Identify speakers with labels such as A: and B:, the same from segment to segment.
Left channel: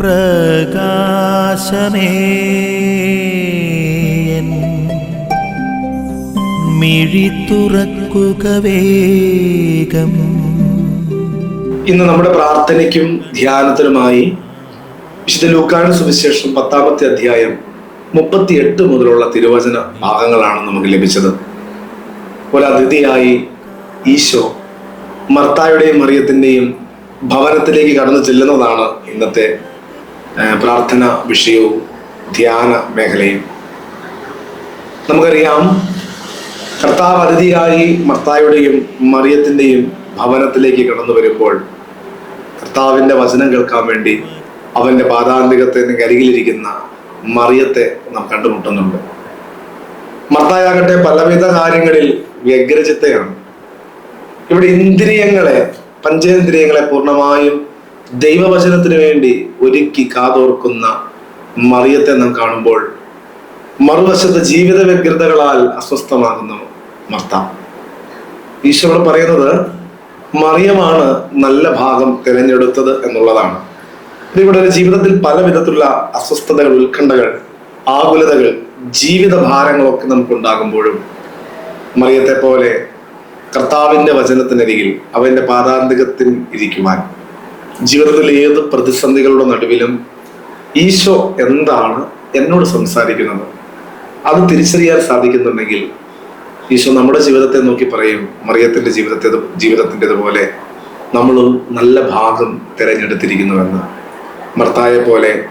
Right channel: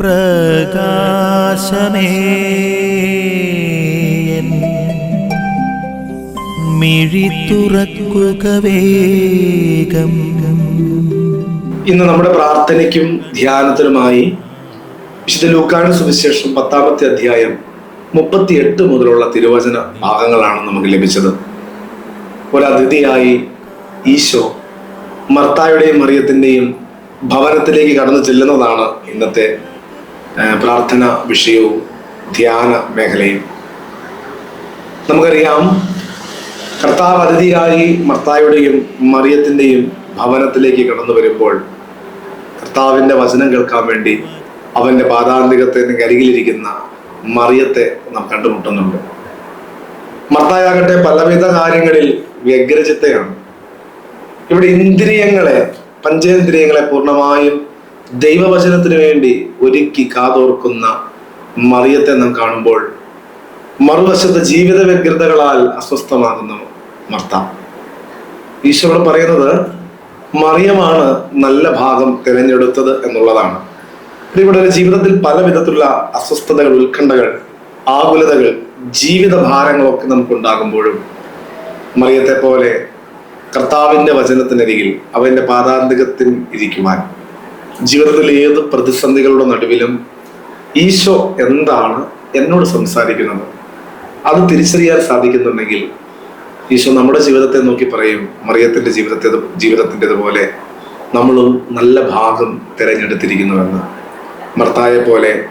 A: പ്രകാശമേ. എൻ മിഴി തുറക്കുക വേഗം.
B: ഇന്ന് നമ്മുടെ പ്രാർത്ഥനയ്ക്കും ധ്യാനത്തിനുമായി വിശുദ്ധ ലൂക്കാട് സുവിശേഷം പത്താമത്തെ അധ്യായം മുപ്പത്തിയെട്ട് മുതലുള്ള തിരുവചന ഭാഗങ്ങളാണ് നമുക്ക് ലഭിച്ചത്. ഒരതിഥിയായി ഈശോ മർത്തായുടെയും മറിയത്തിന്റെയും ഭവനത്തിലേക്ക് കടന്നു ചെല്ലുന്നതാണ് ഇന്നത്തെ പ്രാർത്ഥന വിഷയവും ധ്യാന മേഖലയും. നമുക്കറിയാം കർത്താവ് അതിഥിയായി മർത്തായുടെയും മറിയത്തിന്റെയും ഭവനത്തിലേക്ക് കടന്നു വരുമ്പോൾ കർത്താവിന്റെ വചനം കേൾക്കാൻ വേണ്ടി അവന്റെ പാതാന്തികത്തിന് അരികിലിരിക്കുന്ന മറിയത്തെ നാം കണ്ടുമുട്ടുന്നുണ്ട്. മർത്തായാകട്ടെ പലവിധ കാര്യങ്ങളിൽ വ്യഗ്രചിത്തയാണ്. ഇവിടെ ഇന്ദ്രിയങ്ങളെ പഞ്ചേന്ദ്രിയങ്ങളെ പൂർണമായും ദൈവവചനത്തിന് വേണ്ടി ഒരുക്കി കാതോർക്കുന്ന മറിയത്തെ നാം കാണുമ്പോൾ മറുവശത്ത് ജീവിത വ്യഗ്രതകളാൽ അസ്വസ്ഥമാകുന്ന മർത്ത. ഈശ്വരൻ പറയുന്നത് മറിയമാണ് നല്ല ഭാഗം തിരഞ്ഞെടുത്തത് എന്നുള്ളതാണ്. ഇവിടെ ജീവിതത്തിൽ പല വിധത്തിലുള്ള അസ്വസ്ഥതകൾ ഉത്കണ്ഠകൾ ആകുലതകൾ ജീവിത ഭാരങ്ങളൊക്കെ നമുക്ക് ഉണ്ടാകുമ്പോഴും മറിയത്തെ പോലെ കർത്താവിന്റെ വചനത്തിനരികിൽ അവന്റെ പാതാന്തികത്തിൽ ഇരിക്കുവാൻ ജീവിതത്തിൽ ഏത് പ്രതിസന്ധികളുടെ നടുവിലും ഈശോ എന്താണ് എന്നോട് സംസാരിക്കുന്നത്. അത് തിരിച്ചറിയാൻ സാധിക്കുന്നുണ്ടെങ്കിൽ ഈശോ നമ്മുടെ ജീവിതത്തെ നോക്കി പറയും മറിയത്തിന്റെ ജീവിതത്തെ ജീവിതത്തിന്റെതുപോലെ നമ്മളും നല്ല ഭാഗം തിരഞ്ഞെടുത്തിരിക്കുന്നുവെന്ന്. മർത്തായെ പോലെ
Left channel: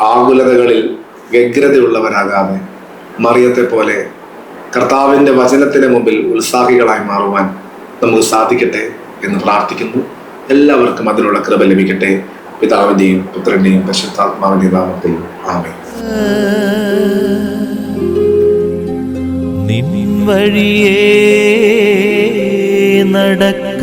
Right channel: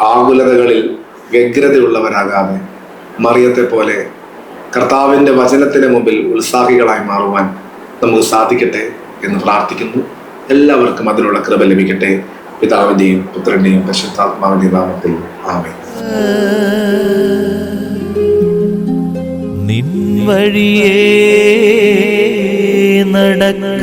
B: ആകുലതകളിൽ വ്യഗ്രതയുള്ളവരാകാതെ മറിയത്തെ പോലെ കർത്താവിന്റെ വചനത്തിന് മുമ്പിൽ ഉത്സാഹികളായി മാറുവാൻ നമുക്ക് സാധിക്കട്ടെ എന്ന് പ്രാർത്ഥിക്കുന്നു. എല്ലാവർക്കും അതിനുള്ള കൃപ ലഭിക്കട്ടെ. പിതാവിന്റെയും പുത്രന്റെയും പരിശുദ്ധാത്മാവിന്റെയും നാമത്തിൽ ആമേ
A: നിൻ വഴിയേ നടക്ക